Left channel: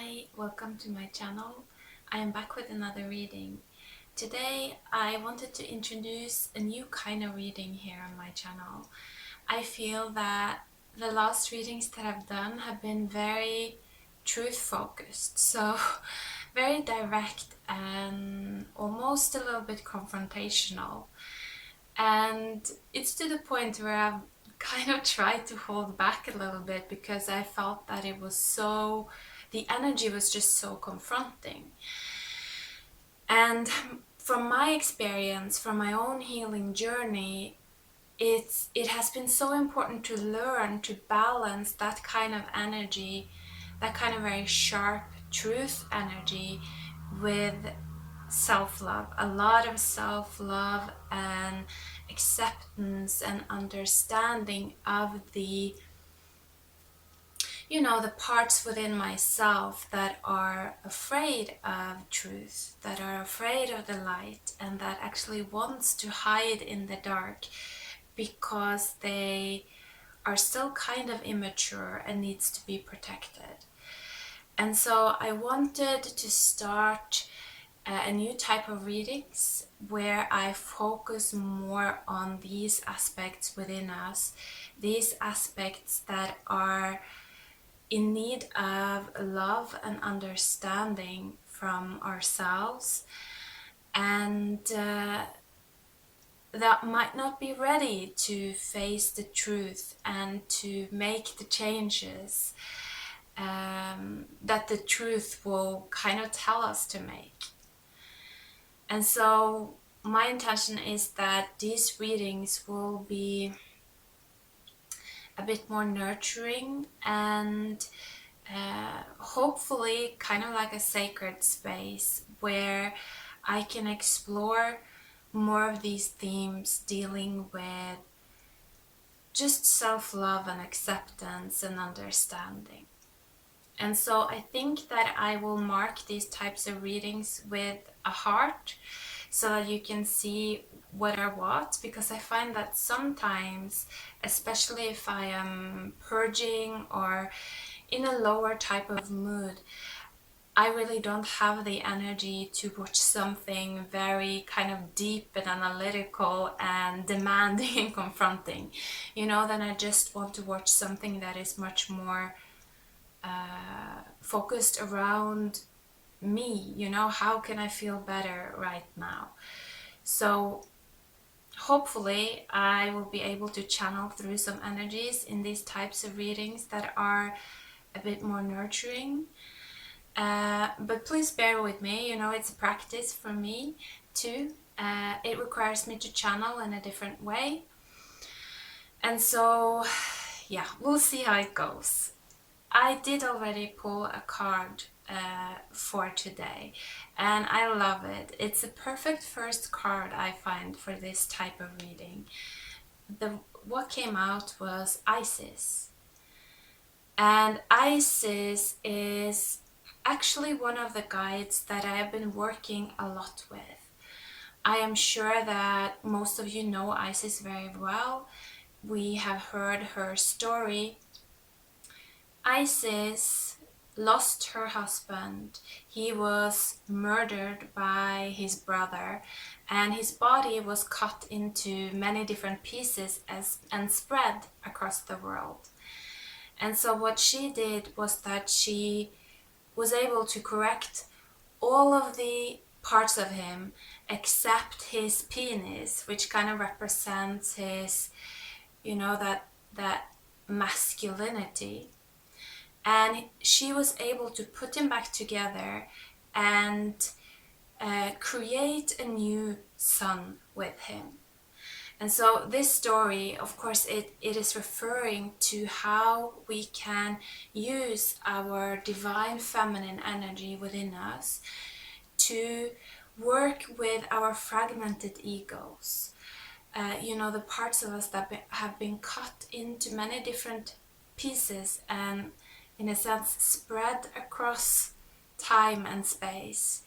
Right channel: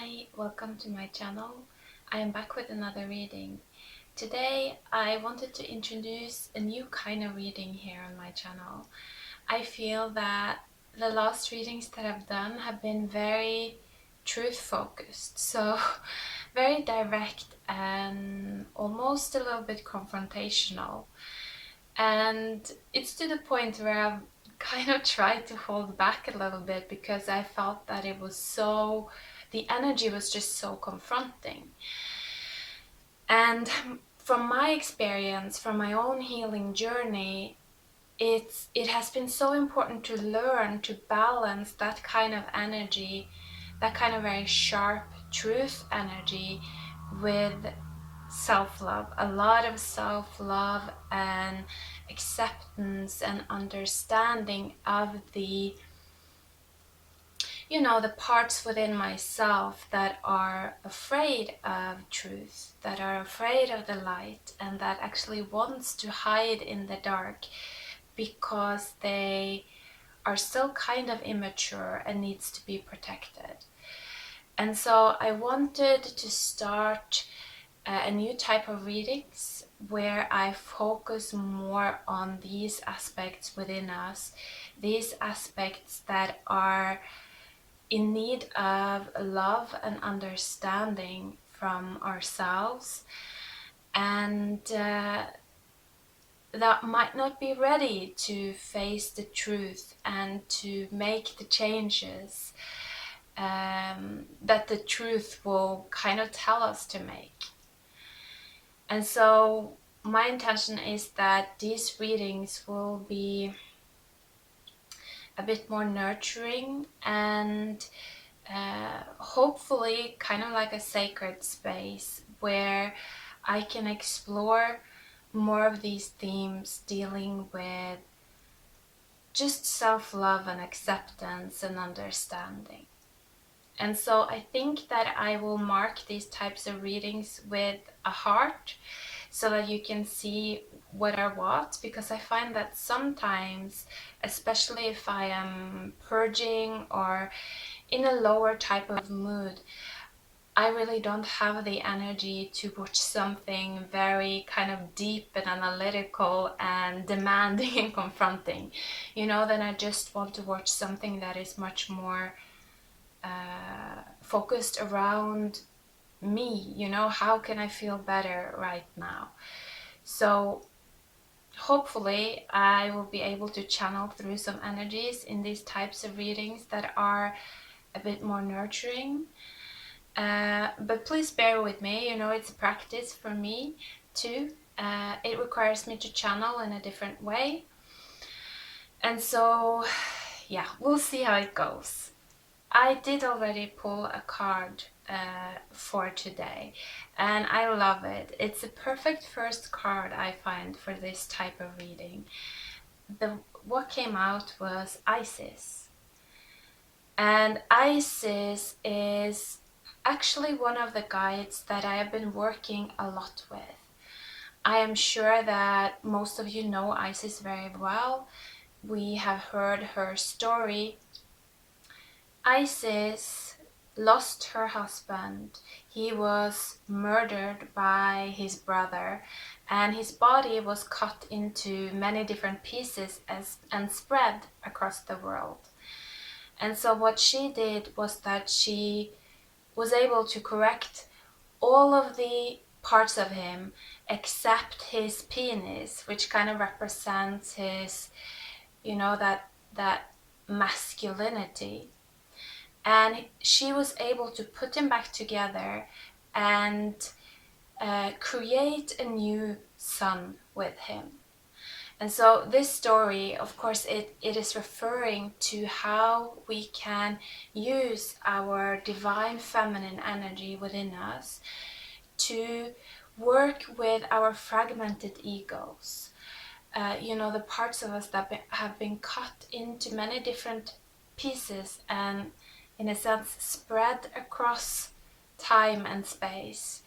Hi, welcome to my channel. I am back with another reading. Today I wanted to introduce a new kind of reading here on my channel. I feel that the last readings that I've done have been very truth focused, so very direct and almost a little bit confrontational. And it's to the point where I've kind of tried to hold back a little bit because I felt that the energy was just so confronting. And from my experience, from my own healing journey, it has been so important to learn to balance that kind of energy, that kind of very sharp truth energy, with self-love, a lot of self-love and acceptance and understanding of the parts within myself that are afraid of truth, that are afraid of the light, and that actually wants to hide in the dark because they are still kind of immature and needs to be protected. And so I wanted to start a new type of readings where I focus more on these aspects within us, these aspects that are in need of love and understanding from ourselves, and that might not be ready to face the truth and to make the changes that the truth will kind of tell us to make. And so my intention is that these readings will be a bit more nurturing and hopefully kind of like a sacred space where I can explore more of these themes dealing with just self-love and acceptance and understanding. And so I think that I will mark these types of readings with a heart so that you can see what are what, because I find that sometimes, especially if I am purging or in a lower type of mood, I really don't have the energy to watch something very kind of deep and analytical and demanding and confronting. Then I just want to watch something that is much more focused around me. How can I feel better right now? So hopefully I will be able to channel through some energies in these types of readings that are a bit more nurturing. But please bear with me, it's a practice for me too. It requires me to channel in a different way. And so, yeah, we'll see how it goes. I did already pull a card for today, and I love it. It's a perfect first card I find for this type of reading. What came out was Isis. And Isis is actually one of the guides that I have been working a lot with. I am sure that most of you know Isis very well. We have heard her story. Isis lost her husband. He was murdered by his brother, and his body was cut into many different pieces and spread across the world. And so what she did was that she was able to correct all of the parts of him except his penis, which kind of represents his, that masculinity. And she was able to put him back together and create a new son with him. And so this story, of course, it is referring to how we can use our divine feminine energy within us to work with our fragmented egos. The parts of us that have been cut into many different pieces and, in a sense, spread across time and space,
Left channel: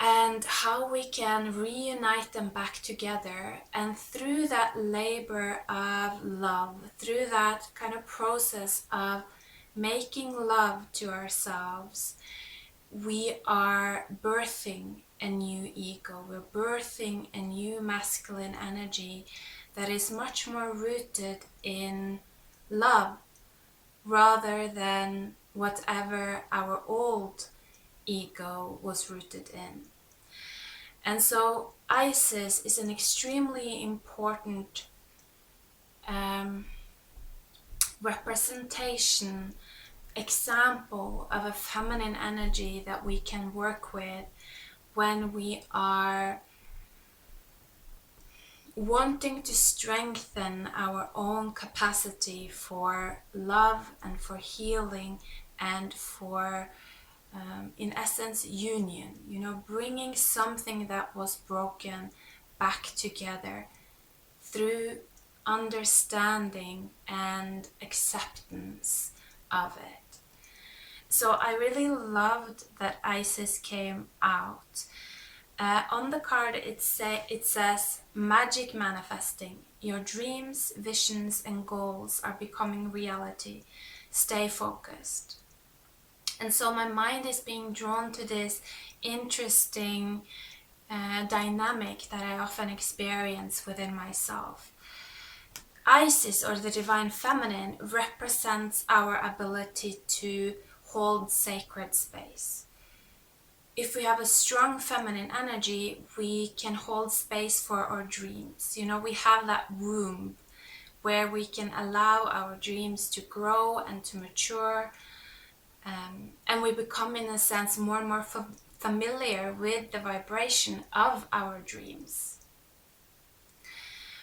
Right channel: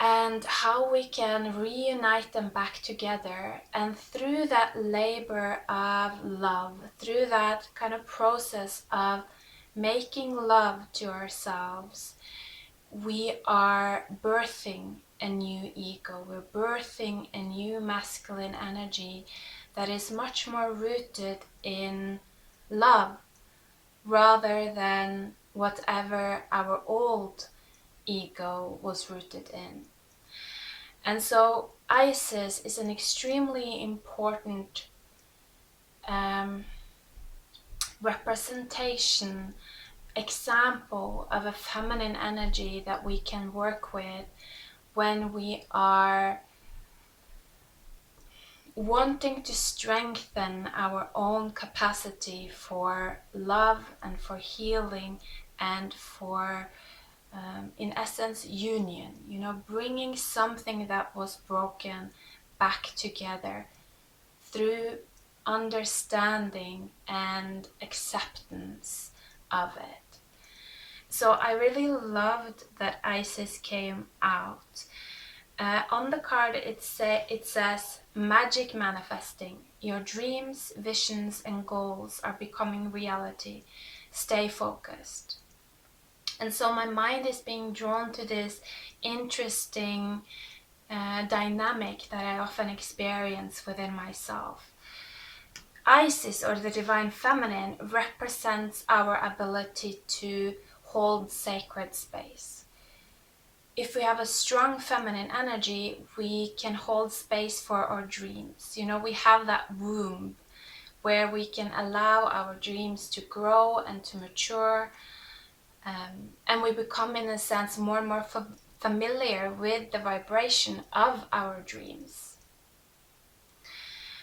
and how we can reunite them back together. And through that labor of love, through that kind of process of making love to ourselves, we are birthing a new ego. We're birthing a new masculine energy that is much more rooted in love rather than whatever our old ego was rooted in. And so Isis is an extremely important representation, example of a feminine energy that we can work with when we are wanting to strengthen our own capacity for love and for healing and for in essence union, bringing something that was broken back together through understanding and acceptance of it. So I really loved that Isis came out. On the card it says magic manifesting. Your dreams, visions and goals are becoming reality. Stay focused. And so my mind is being drawn to this interesting dynamic that I often experience within myself. Isis, or the divine feminine, represents our ability to hold sacred space. If we have a strong feminine energy, we can hold space for our dreams. We have that womb where we can allow our dreams to grow and to mature. And we become, in a sense, more and more familiar with the vibration of our dreams.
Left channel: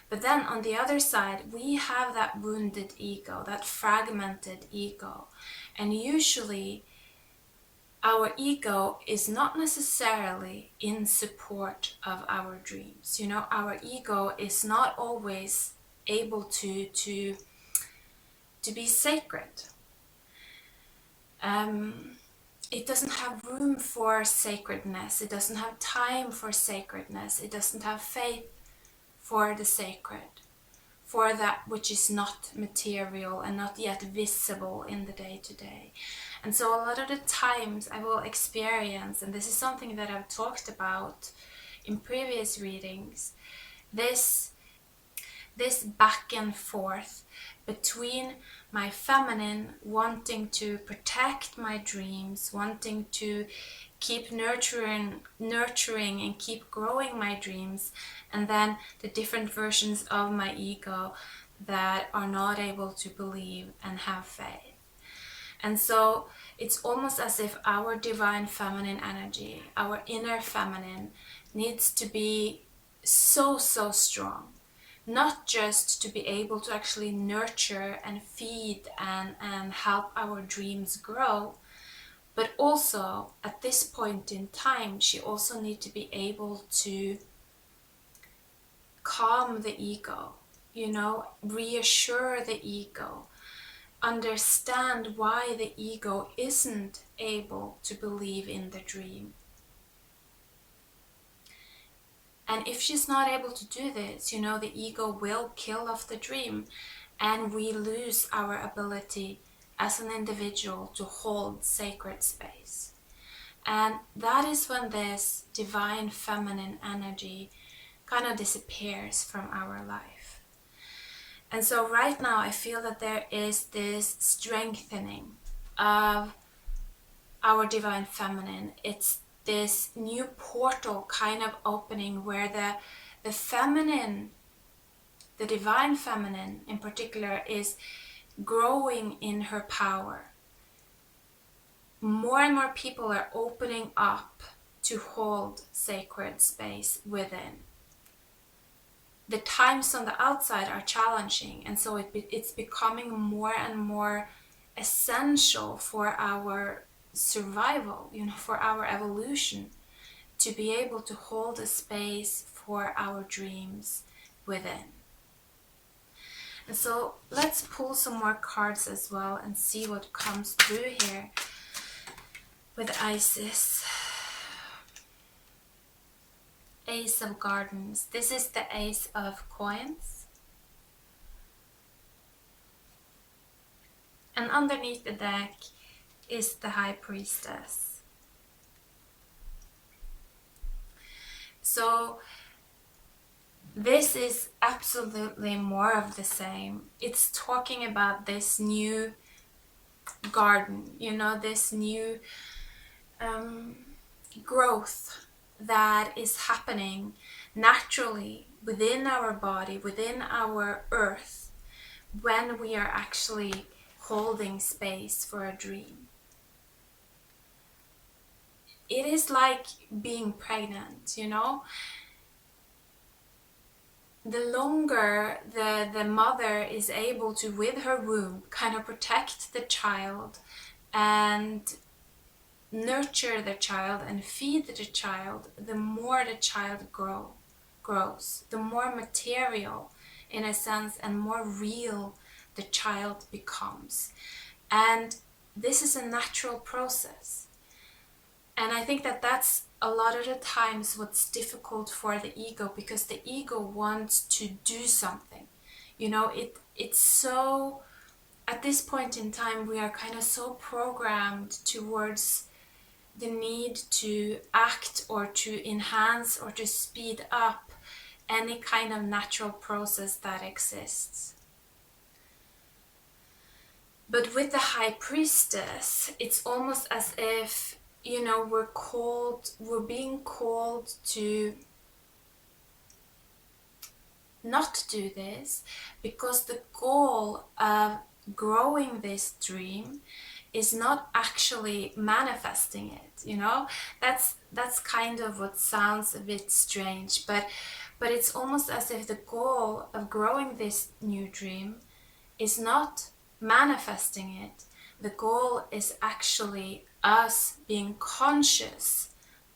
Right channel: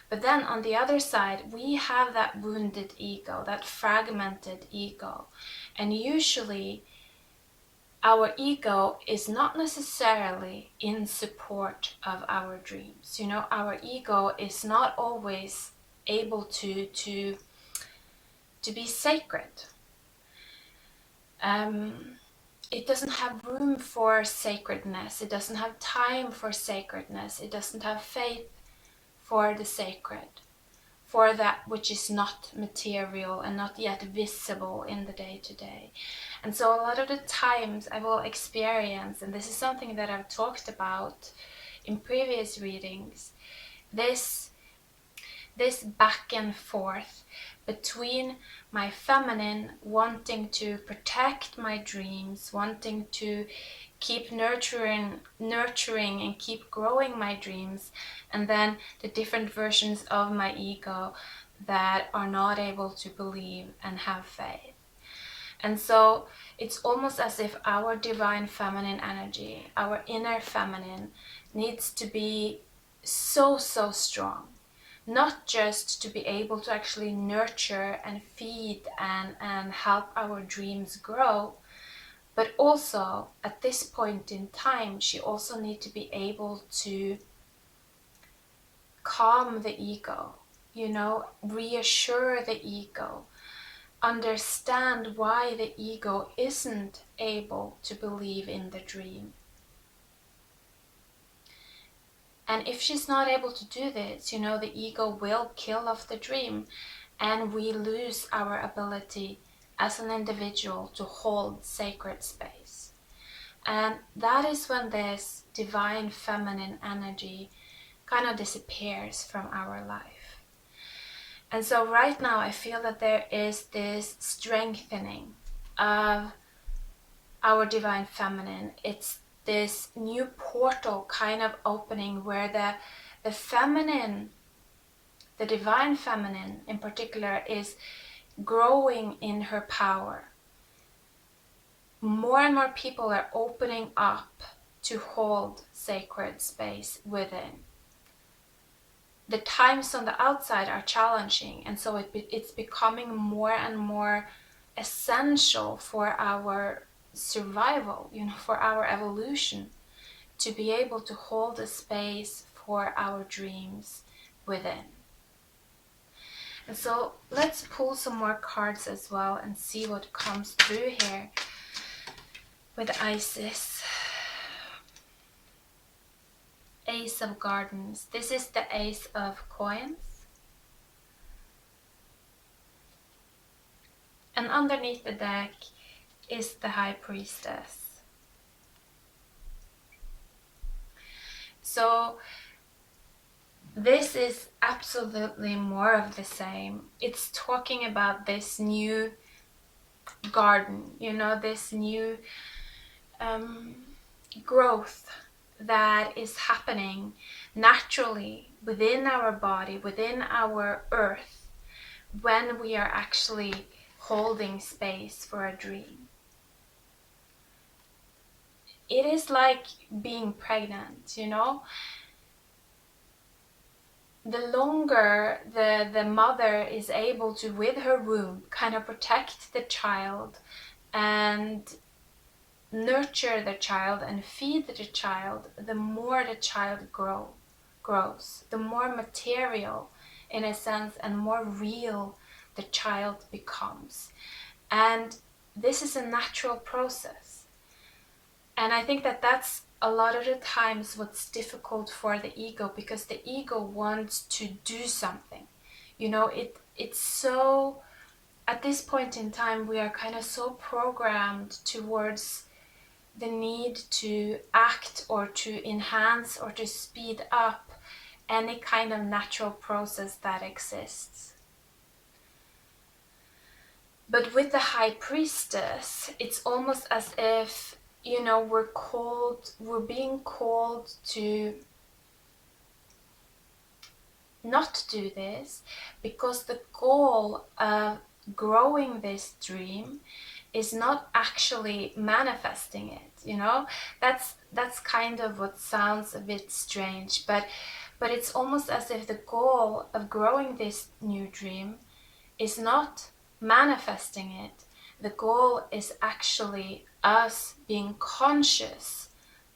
But then on the other side, we have that wounded ego, that fragmented ego. And usually our ego is not necessarily in support of our dreams. Our ego is not always able to be sacred. It doesn't have room for sacredness. It doesn't have time for sacredness. It doesn't have faith for the sacred, for that which is not material and not yet visible in the day-to-day. And so a lot of the times I will experience, and this is something that I've talked about in previous readings, this back and forth between my feminine wanting to protect my dreams, wanting to keep nurturing and keep growing my dreams, and then the different versions of my ego that are not able to believe and have faith. And so it's almost as if our divine feminine energy, our inner feminine, needs to be so strong. Not just to be able to actually nurture and feed and help our dreams grow, but also at this point in time, she also needs to be able to calm the ego, reassure the ego, understand why the ego isn't able to believe in the dream. And if she's not able to do this, the ego will kill off the dream, and we lose our ability as an individual to hold sacred space. And that is when this divine feminine energy kind of disappears from our life. And so right now I feel that there is this strengthening of our divine feminine. It's this new portal kind of opening where the feminine, the divine feminine in particular, is growing in her power. More and more people are opening up to hold sacred space within. The times on the outside are challenging, and so it's becoming more and more essential for our survival, for our evolution, to be able to hold a space for our dreams within. And so let's pull some more cards as well and see what comes through here with Isis. Ace of Gardens. This is the Ace of Coins. And underneath the deck is the High Priestess. So this is absolutely more of the same. It's talking about this new garden, you know, this new growth that is happening naturally within our body, within our earth, when we are actually holding space for a dream. It is like being pregnant, you know. The longer the mother is able to, with her womb, kind of protect the child and nurture the child and feed the child, the more the child grows, the more material, in a sense, and more real the child becomes. And this is a natural process. And I think that that's a lot of the times what's difficult for the ego, because the ego wants to do something. You know, it's so, at this point in time, we are kind of so programmed towards the need to act or to enhance or to speed up any kind of natural process that exists. But with the High Priestess, it's almost as if, you know, we're being called to not do this, because the goal of growing this dream is not actually manifesting it, you know. That's kind of what sounds a bit strange, but it's almost as if the goal of growing this new dream is not manifesting it. The goal is actually us being conscious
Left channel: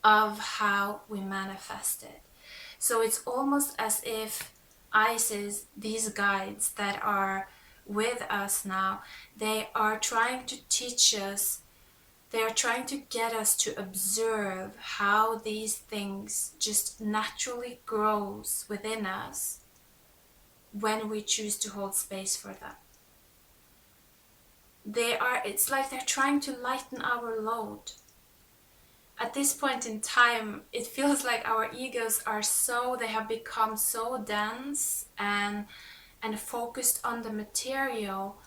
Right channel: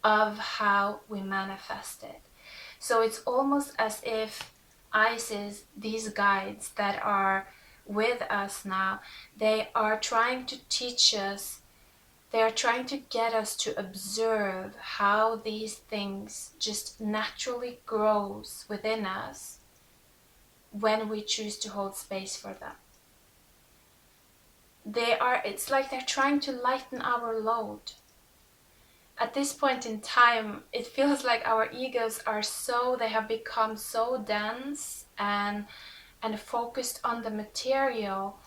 of how we manifest it. So it's almost as if Isis, these guides that are with us now, they are trying to teach us, they are trying to get us to observe how these things just naturally grows within us when we choose to hold space for them. It's like they're trying to lighten our load. At this point in time, it feels like our egos they have become so dense and focused on the material,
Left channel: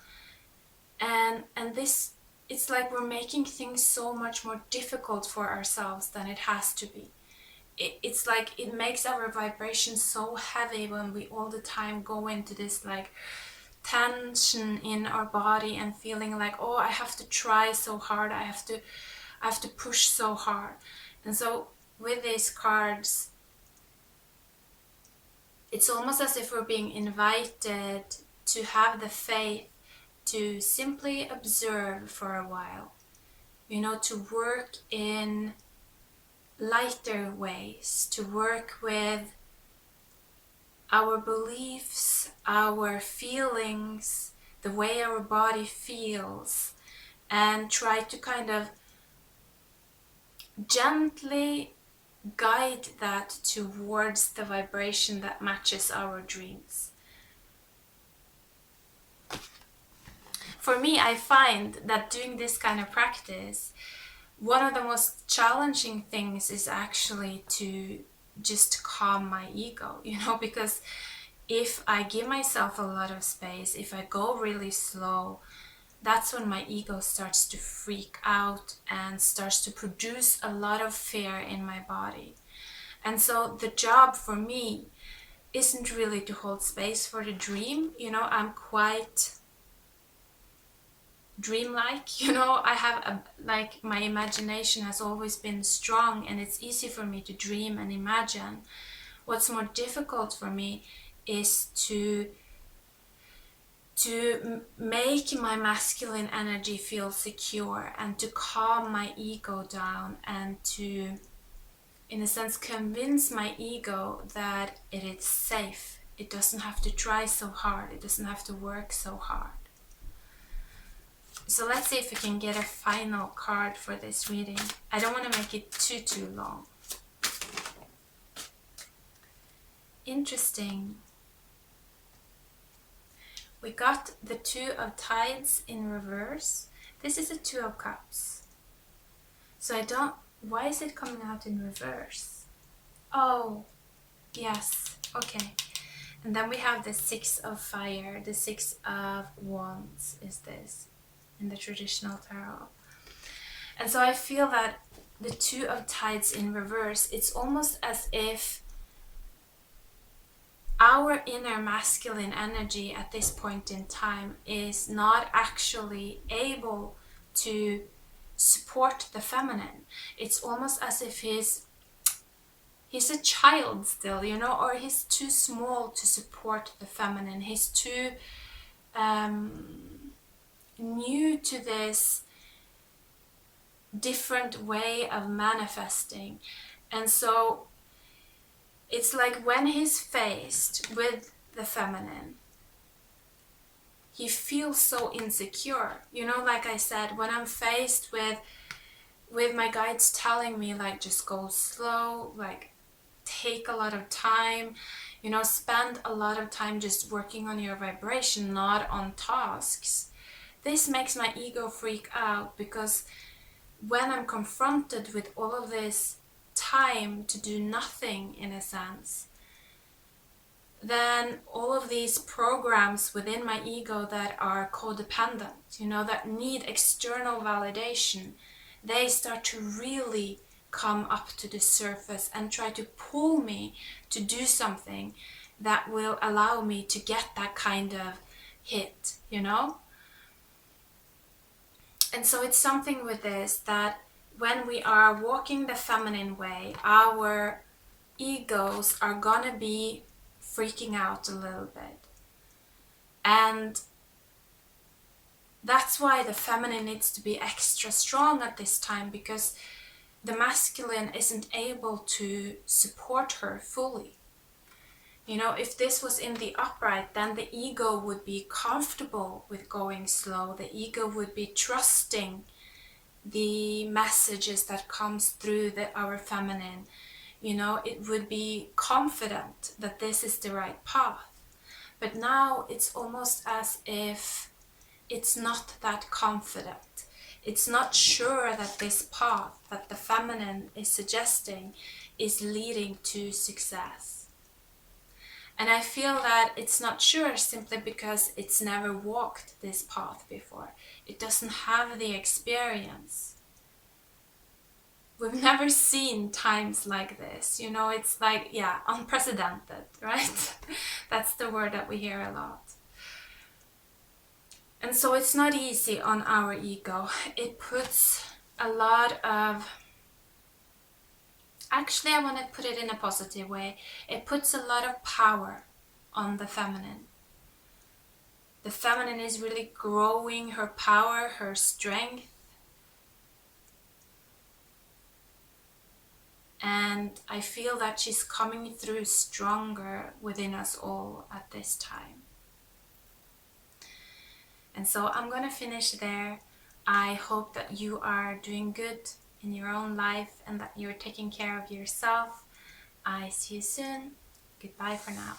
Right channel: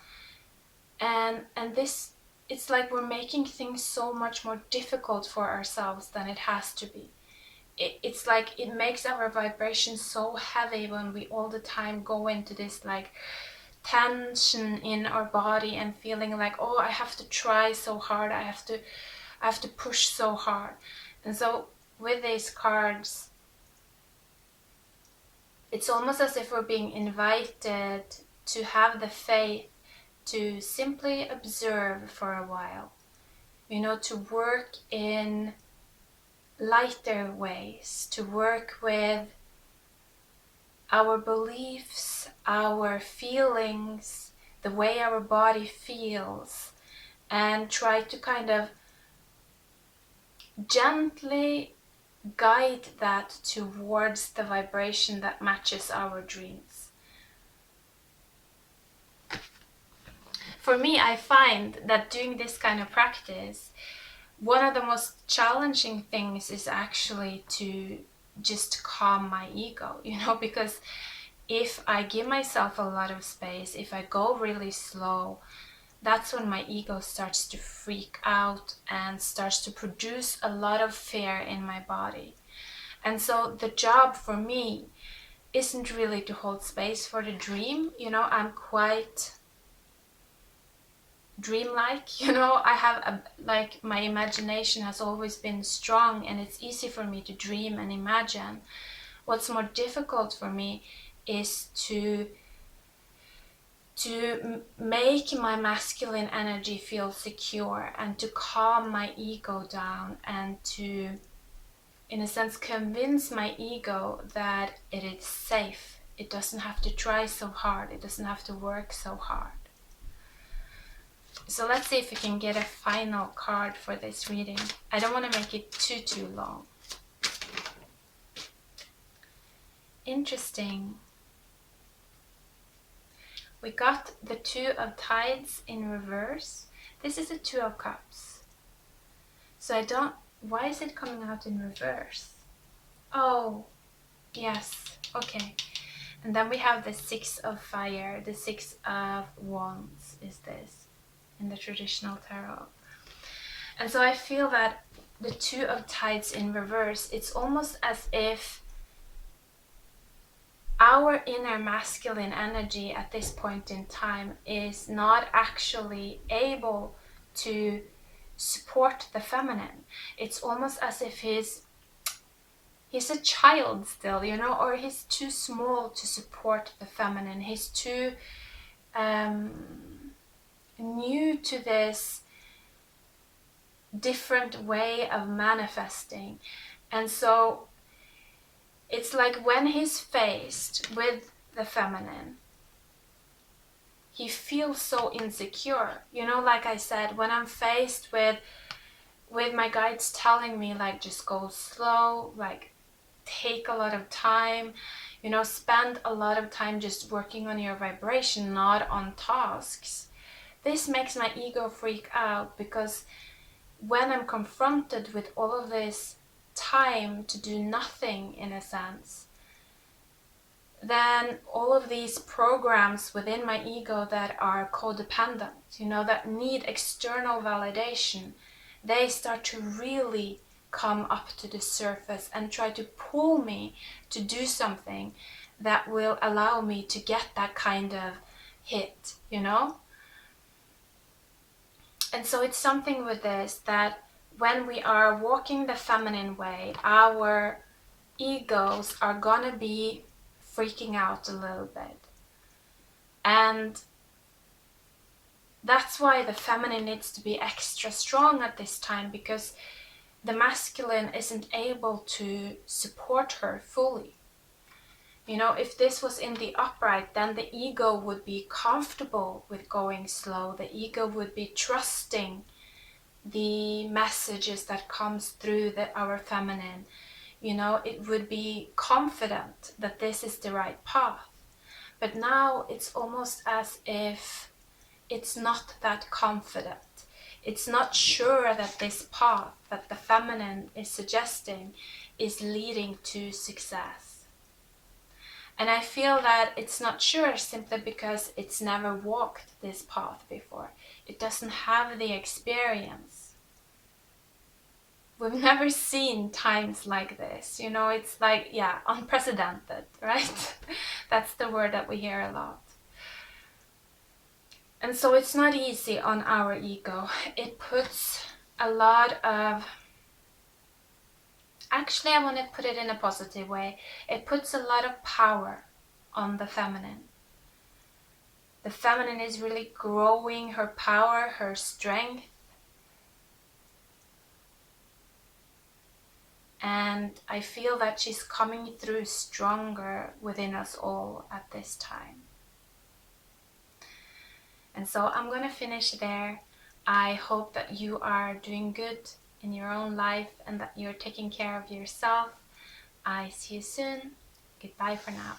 and this, it's like we're making things so much more difficult for ourselves than it has to be. It's like it makes our vibration so heavy when we all the time go into this like tension in our body and feeling like, oh, I have to try so hard, I have to push so hard. And so with these cards, it's almost as if we're being invited to have the faith to simply observe for a while, you know, to work in lighter ways, to work with our beliefs, our feelings, the way our body feels, and try to kind of gently guide that towards the vibration that matches our dreams. For me, I find that doing this kind of practice, one of the most challenging things is actually to just calm my ego, you know, because if I give myself a lot of space, if I go really slow, that's when my ego starts to freak out and starts to produce a lot of fear in my body. And so the job for me isn't really to hold space for the dream. You know, I'm quite dreamlike, you know. I have like my imagination has always been strong, and it's easy for me to dream and imagine. What's more difficult for me is to make my masculine energy feel secure, and to calm my ego down, and to, in a sense, convince my ego that it is safe. It doesn't have to try so hard. It doesn't have to work so hard. So let's see if we can get a final card for this reading. I don't want to make it too long. Interesting. We got the Two of Tides in reverse. This is a Two of Cups. So why is it coming out in reverse? Oh, yes, okay. And then we have the Six of Fire, the Six of Wands is this in the traditional tarot. And so I feel that the Two of Tides in reverse, it's almost as if our inner masculine energy at this point in time is not actually able to support the feminine. It's almost as if he's a child still, you know, or he's too small to support the feminine. He's too new to this different way of manifesting. And so it's like when he's faced with the feminine, he feels so insecure. You know, like I said, when I'm faced with my guides telling me, like, just go slow, like, take a lot of time, you know, spend a lot of time just working on your vibration, not on tasks. This makes my ego freak out, because when I'm confronted with all of this time to do nothing, in a sense, then all of these programs within my ego that are codependent, you know, that need external validation, they start to really come up to the surface and try to pull me to do something that will allow me to get that kind of hit, you know? And so it's something with this, that when we are walking the feminine way, our egos are gonna be freaking out a little bit. And that's why the feminine needs to be extra strong at this time, because the masculine isn't able to support her fully. You know, if this was in the upright, then the ego would be comfortable with going slow. The ego would be trusting the messages that comes through our feminine. You know, it would be confident that this is the right path. But now it's almost as if it's not that confident. It's not sure that this path that the feminine is suggesting is leading to success. And I feel that it's not sure simply because it's never walked this path before. It doesn't have the experience. We've never seen times like this. You know, it's like, yeah, unprecedented, right? That's the word that we hear a lot. And so it's not easy on our ego. It puts a lot of... Actually, I want to put it in a positive way. It puts a lot of power on the feminine. The feminine is really growing her power, her strength. And I feel that she's coming through stronger within us all at this time. And so I'm going to finish there. I hope that you are doing good in your own life and that you're taking care of yourself. I see you soon. Goodbye for now.